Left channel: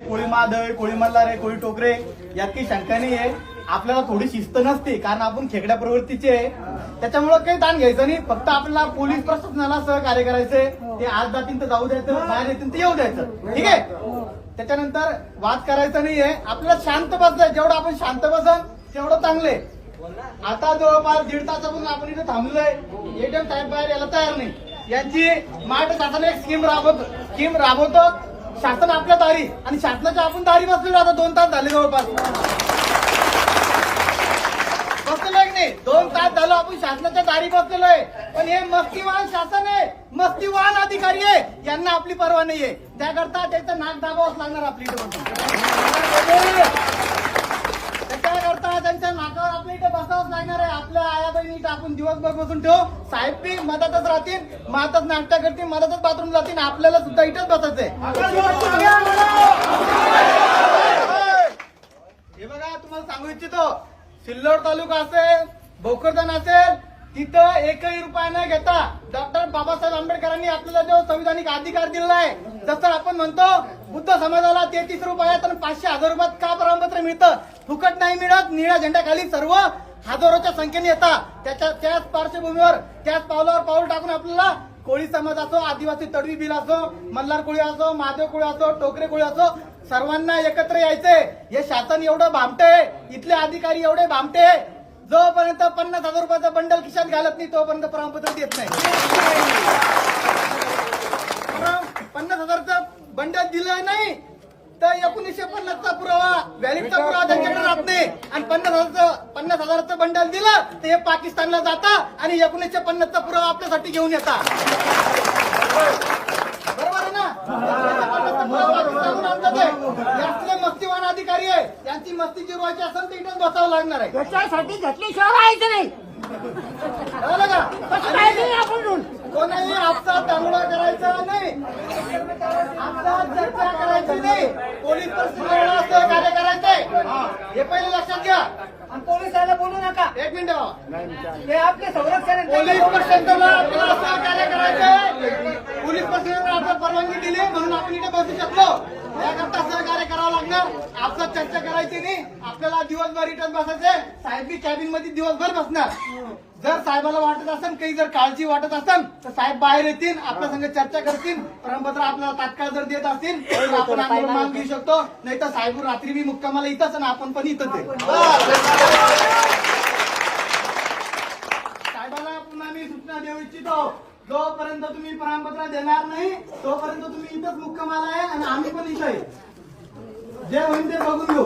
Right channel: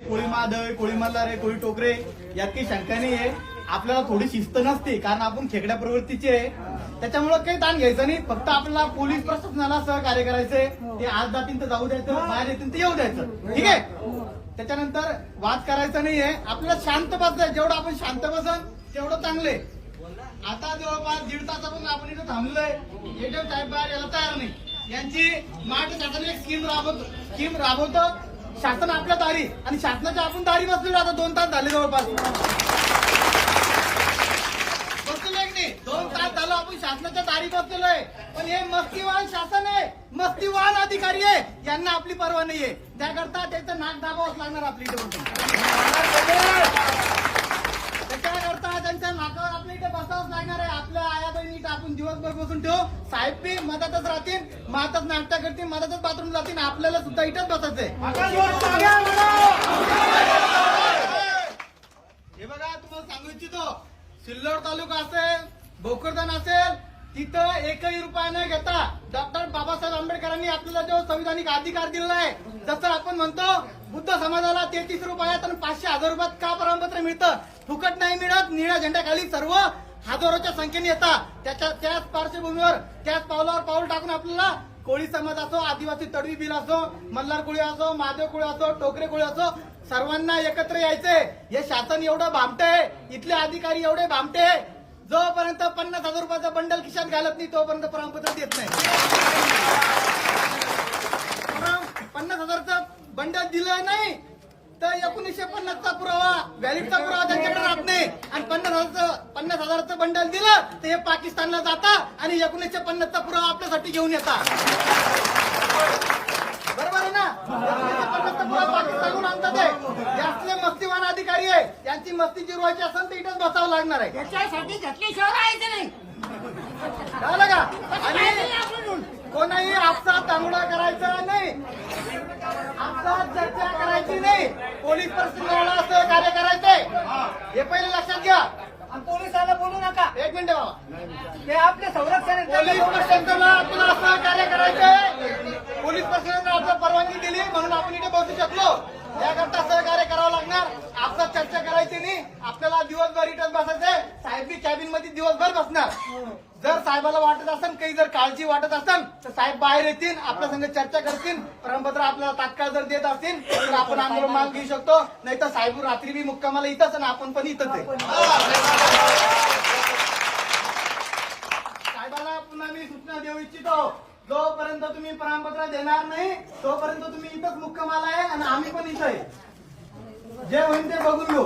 कोळी मादळ कोळी मल्हारे कोळी टोकरे यात काही शंका नाही आहे आपल्याला थोडी शिस्त नसते कारण आपण खेकड्या प्रवृत्तीचे आहे. त्याच्यामुळं काही ताण घ्यायचं नाही. फक्त आपल्याला पोलीस प्रशासनाला सहकार्य करायचंय. ते आज जातील तर जाऊ द्यायचं बाहेर येतील तर येऊ द्यायचं. ठीक आहे? त्याच्यानंतर वाद करायचा नाहीये. आपल्याला शांत बसलंय जेवढं आपण शांत बसन तेवढं चांगले. आता जवळपास दीड तासापासून आपण इथे थांबलोय. एटीएम साहेब बाहेर यायला तयार नाही. यांची महाराष्ट्र शासन एक स्कीम राबवत स्कीम राबवतो. शासन आपल्या दारी आणि शासनाच्या आपण दारी बसलेलो आता दोन तास झाले जवळपास. बसलोय नाही? दोन तास झालं आपण शासनाच्या दारी बसलेलो आहे पण हे मस्तीवान शासन आहे. मस्तीवान अधिकारी आहे. यांना आपली परवा नाहीये. त्याकरता त्याचं नाक दाबावंच लागणार आपली इथे बसून. त्याच्याकरता त्यांच्या नाकावर आपल्या इथे बसावंच लागणार आहे. आपल्या आया बहिणी इथं आपण दिवसभर बसून ठेवू. साहेब बी मधातच राहतील. मातच नाश्ता करतील मधातच बाथरूम जातील. आपल्याला सुद्धा इथंच बसायचंय. हे बघा तुम्हाला सांगू इच्छितो. सिल्लोड तालुका असेल भोकरदन असेल तिथं एकही रुपया न घेता डॉक्टर बाबासाहेब आंबेडकरांनी आपल्याला जो संविधानिक अधिकार दिलेला आहे जसं आपण म्हणतो बुद्ध समाजाला तेहतीस रुपयात आणि पाचशे हजार रुपयात का प्रमाणपत्र मिळतं? फुकट नाही मिळत निळ्या झेंड्याखाली सर्व हजारोच्या संख्येने येतात. त्याच्या त्याच पार्श्वभूमीवर त्याच पावलावर पाऊल टाकून आपल्याला कोळी समाज असो आदिवासी तडवी बिल असो मल्हार कोळी असो महादेव कोळी असो टोकरे कोळी असो सर्वांना एकत्र यायचे. हे शासन एवढं भामटे इथले अधिकारी एवढे भामटे जोपर्यंत पन्नास हजार रुपयाचं बंडल खिशात घालत नाही तोपर्यंत प्रमाणपत्र देत नाही. पन्नास हजारचं बंडल दिलं नाही तर एकोणीसशे पन्नासचा पुरावा व्हॅलिडचा पुरावा त्यांच्याकडे राहत नाही. आणि पन्नास हजारचं पन्नास हजाराचं बंडल दिलं तर हे पाकिस्तानला जाता आणि एकोणीसशे पन्नासचा पुरावा आपल्यासाठी घेऊन येतात बरोबर आहे ना? मस्तीवान अधिकारी आहे यांची मस्ती जिरवायची असेल तर इथेच बसावं लागणार आहे. त्याच्यासाठी घेतल्याशिवाय राहायचं नाही? कोणाही आपचा तांबडा करायचा नाही. आपला चर्चा नाही पोलीस परिस्थितीला सहकार्य करायचंय हे पहिले लक्षात घ्या. पोलिसांना बोलू नका. एक मिनिट. ते आपले संरक्षण पोलीस करायचंय पोलीस प्रशासनाला आपण परवानगी दिली म्हणून आपण इथे बसू शकलो. त्याकरता सहकार्य करावं लागणार आपला चर्चा करायची नाही. आपल्याला दिवसभर रिटर्न बसायचंय. साहेब कॅबिनमध्ये दिवसभर बसणार. जर साहेबाला वाटत असेल काही जर काळजी वाटत असेल तर साहेब बाहेर येतील आपल्या संग चर्चा करतील. प्रमाणपत्र आपल्याला तात्काळ जर देत असतील तर आपण आंदोलन मान घेऊ शकतो. नाही तर साहेब रात्री मुक्कामाला इथंच आणि आपण पण इथंच साहेबाला पुन्हा मी सूचना देऊ इच्छितो. जोपर्यंत तुम्ही प्रमाणपत्र देणार नाही तोपर्यंत तुम्ही इथंच मुक्कामाला आहे आणि आम्ही पण इथं आहे. जे होईल ते बघून घेऊ.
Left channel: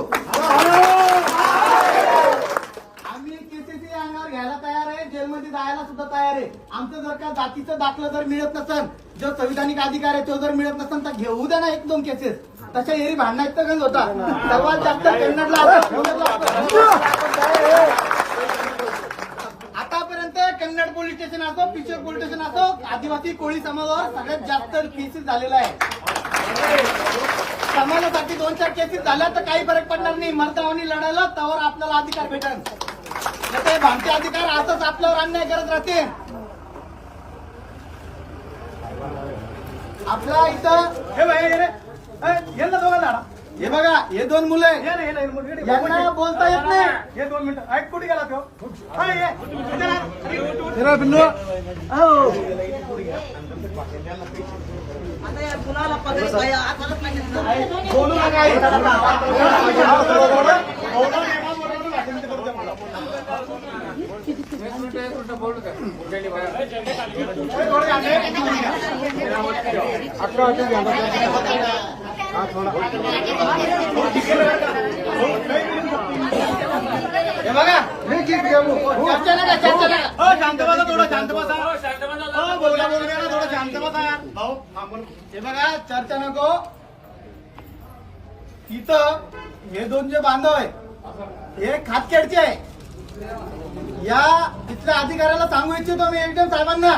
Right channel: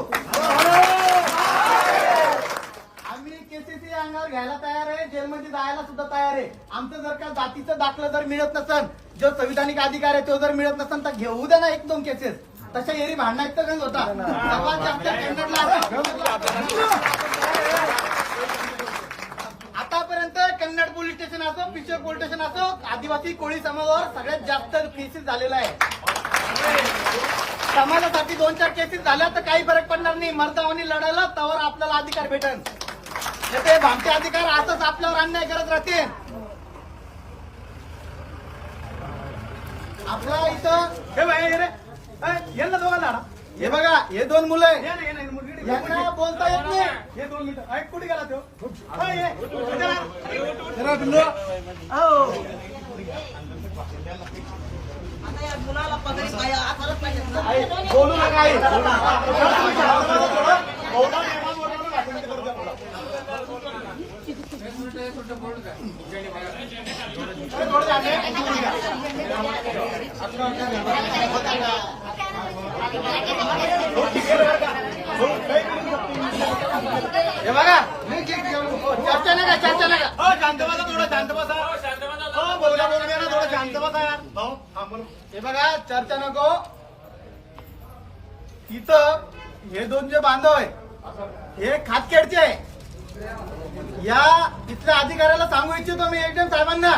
आम्ही केसीसी अंगावर घ्यायला तयार आहे जेलमध्ये जायला सुद्धा तयार आहे. आमचं जर का जातीचं दाखलं जर मिळत नसेल जो संविधानिक अधिकार आहे तो जर मिळत नसेल तर घेऊ द्या ना एक दोन केसेस. तशा एरी भांडणात तर होता? सर्वात जास्त कन्नडला असं आतापर्यंत कन्नड पोलीस स्टेशन असो पिशोर पोलीस स्टेशन असो आदिवासी कोळी समाजावर सगळ्यात जास्त केसेस झालेला आहे समाजासाठी दोन चार केसेस झाल्या तर काही फरक पडणार नाही. मर्दावानी लढायला तवर आपल्याला अधिकार भेटल ते भामटे अधिकार असंच आपल्यावर अन्याय करत राहते आपला इथं हे बाहेर हे यांना दोघांना. हे बघा हे दोन मुलं आहे. यांना बोलता येत नाही. हे दोन मिनिटं. ऐक कुठे गेला तो? हा, ये. बोलू नका. हे बघा मी नाही का, चर्चा नाही का? शांत बसा थोडं शांत बसा हो, बोलण्या बोलण्याचं थोडं शांत बसा यार. भाऊ, हे बघा चर्चा नको इथं हे दोन जे बांधव आहे हे खातखेडचे या तिथल्या अधिकाऱ्याला सांगू इच्छितो मी एकदम साहेबांना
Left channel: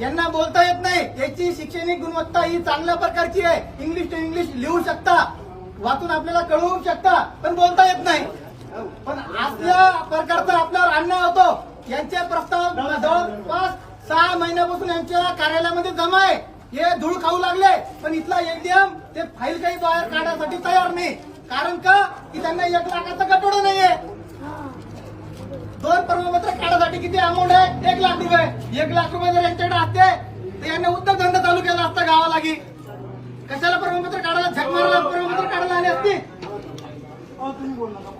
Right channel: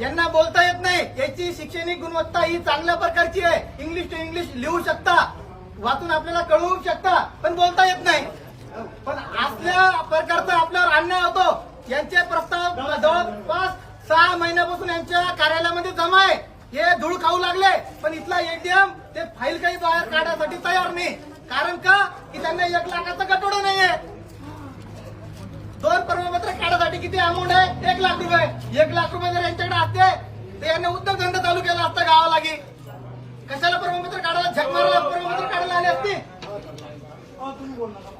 यांना बोलता येत नाही. याची शैक्षणिक गुणवत्ता ही चांगल्या प्रकारची आहे. इंग्लिश टू इंग्लिश लिहू शकता. वाचून आपल्याला कळवू शकता पण बोलता येत नाही. पण आपल्या प्रकारचा आपल्यावर अन्याय होतो. यांचे प्रस्ताव जवळपास सहा महिन्यापासून यांच्या कार्यालयामध्ये जमा आहे. हे धूळ खाऊ लागले पण इथला एटीएम ते फाईल काही बाहेर काढण्यासाठी तयार नाही. कारण का? की त्यांना एक लाखाचा गटोडा नाहीये. दोन प्रमाणपत्र काढण्यासाठी किती अमाऊंट आहे? एक लाख रुपये. एक लाख रुपये जर यांच्याकडे असते ते यांना उद्योगधंदा चालू केला असता गावालागी. कशाला प्रमाणपत्र काढायला? झक मारायला प्रमाणपत्र काढायला आले असते?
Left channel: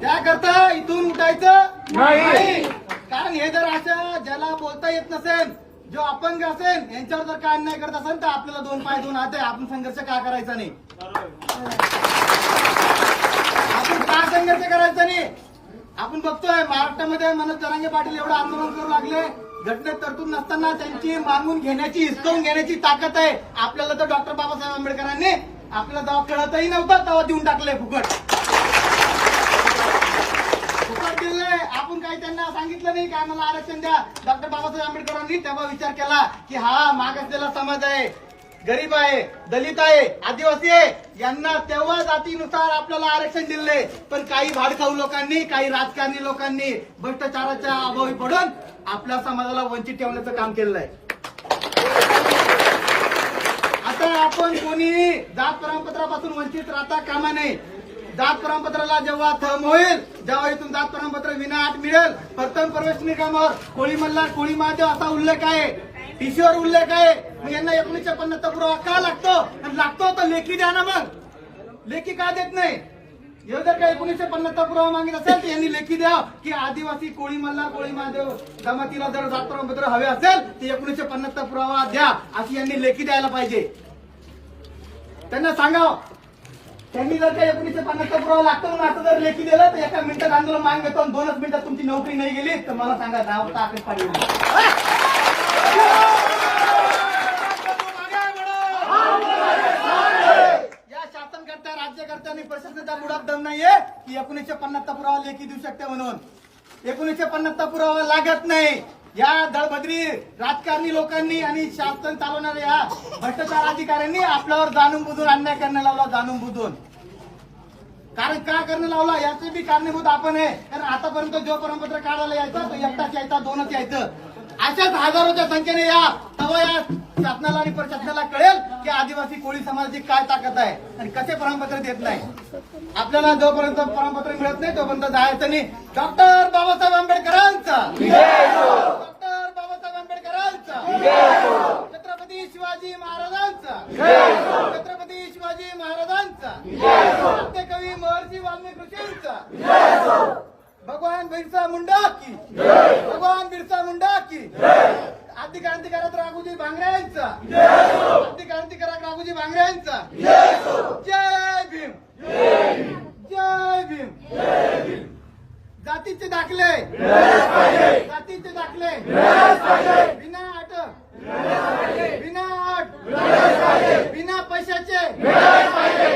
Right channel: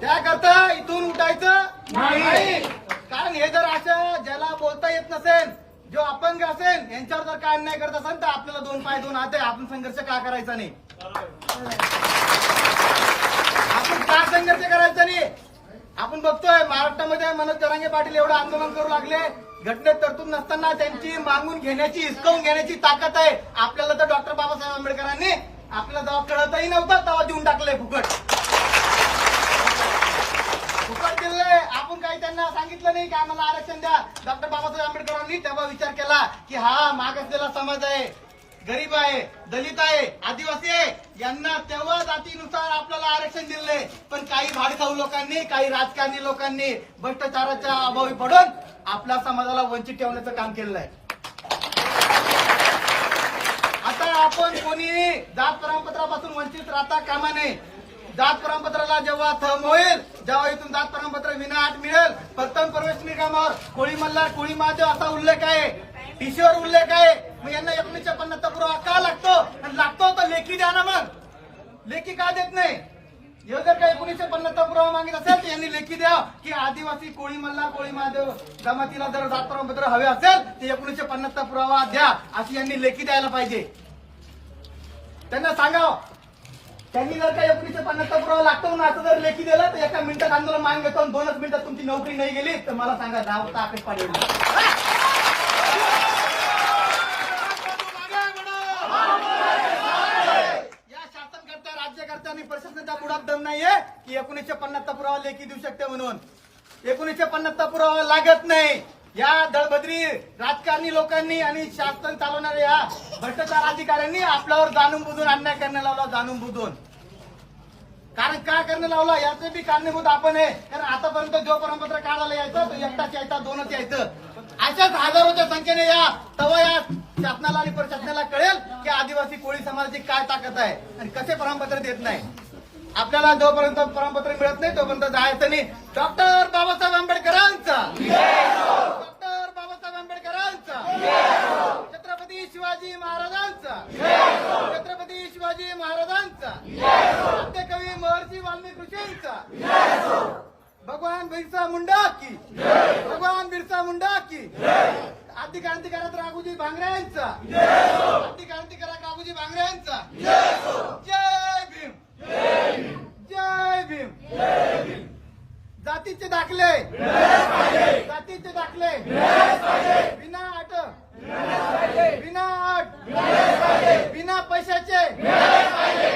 त्याकरता इथून उठायचं नाही. कारण हे जर असं ज्याला बोलता येत नसेल जो अपंग असेल यांच्यावर जर काय अन्याय करत असेल तर आपल्याला दोन पाय दोन हात आपण संघर्ष का करायचा नाही? आपण का संघर्ष करायचा नाही? आपण बघतोय महाराष्ट्रामध्ये मनोज जरांगे पाटील एवढं आंदोलन करू लागले. घटनेत तरतूद नसताना त्यांची मागून घेण्याची हिसकावून घेण्याची ताकद आहे. आपल्याला तर डॉक्टर बाबासाहेब आंबेडकरांनी आपला दवा खेळतही नव्हता दवा देऊन टाकले फुकट. फुकट दिले आपण काही त्यांना सांगितलं नाही की आम्हाला आरक्षण द्या. डॉक्टर बाबासाहेब आंबेडकरांनी तेव्हा विचार केला की हा मागासलेला समाज आहे. गरीब आहे दलित आहे आदिवासी आहे यांना तेव्हा जातीनुसार आपल्याला आरक्षण दिले पण काही भाडखाऊ लोकांनी काही राजकारणी लोकांनी भ्रष्टाचाराच्या अभावी पडून आपल्या समाजाला वंचित ठेवण्याचं काम केलेलं आहे. आता आपण कोणी जात प्रमाणपत्रापासून वंचित राहता कामा नये. जात प्रमाणपत्राला जेव्हा थर्म होईल जेव्हा इथून जात प्रमाणपत्र विना आत मिळेल. प्रथम प्रवेश निकाल कोळी मल्ला कोळी महादेव असा उल्लेख आहे. टीसीवर उल्लेख आहे मग यांना एकोणीसशे पन्नासचा पुरावा का लागतो? आणि लागतो तर लेखी द्या ना मग. लेखी का देत नाही? हे जर का एकोणीसशे पन्नासचा पुरावा मागित असेल तर यांनी लेखी द्या की आदिवासी कोळी मल्ला कोळी महादेव जमातीला जर जात प्रमाणपत्र हवे असेल तर एकोणीसशे पन्नासचा पुरावा द्या. अशी यांनी लेखी द्यायला पाहिजे. त्यांना सांगा. त्यांनी जर का एकोणीसशे पन्नासचा पुरावा लागतो म्हणून असं जर लेखी दिलं तर एका मिनिटात आंदोलन मागे घेतो दोनच मिनिटात तुमची नोकरी नाही गेली तर मला सांगा दहा वाजता आकाश पाडलं या शासनकर्त्या राज्यकर्त्या आणि प्रशासनाच्या बुडात दम नाहीये की एकोणीसशे पन्नासचा पुरावा लेखी देऊ शकते म्हणून. एकोणीसशे पन्नासचा पुरावा लागत नाही. या दळभद्री राजकारणी लोकांनी आणि शासन चालवणाऱ्या या भ्रष्टाचार अधिकाऱ्यांनी आपल्यावर जाणून बुजून अन्याय करण्याला लावला जाणून बुजून. कारण का करणं लावला? याचे बी कारणीभूत आपण आहे. कारण आतापर्यंत जो प्रमाणपत्र काढायला यायचं तो एकटाच यायचा दोनच यायचं. अशाच हजारोच्या संख्येने या सर्व या शासनाला आणि प्रशासनाला कळेल की आदिवासी कोळी समाजाची काय ताकद आहे आणि कसे प्रमाणपत्र देत नाही. आपल्याला जोपर्यंत प्रमाणपत्र मिळत नाही तोपर्यंत जायचं नाही. डॉक्टर बाबासाहेब आंबेडकरांचा. डॉक्टर बाबासाहेब आंबेडकरांचा. छत्रपती शिवाजी महाराजांचा. छत्रपती शिवाजी महाराजांचा. सत्यकवी महर्षी वाल्मिकी ऋषींचा. भगवान बिरसा मुंडा की। भगवान बिरसा मुंडा की। आदि क्रांतिकारक राघुजी भांगरे यांचा। आदि क्रांतिकारक राघुजी भांगरे यांचा। जय भीम। जय भीम। जातीचे दाखले। जातीचे दाखले। बिना अट विना अट बिना पैशाचे बिना पैशाचे।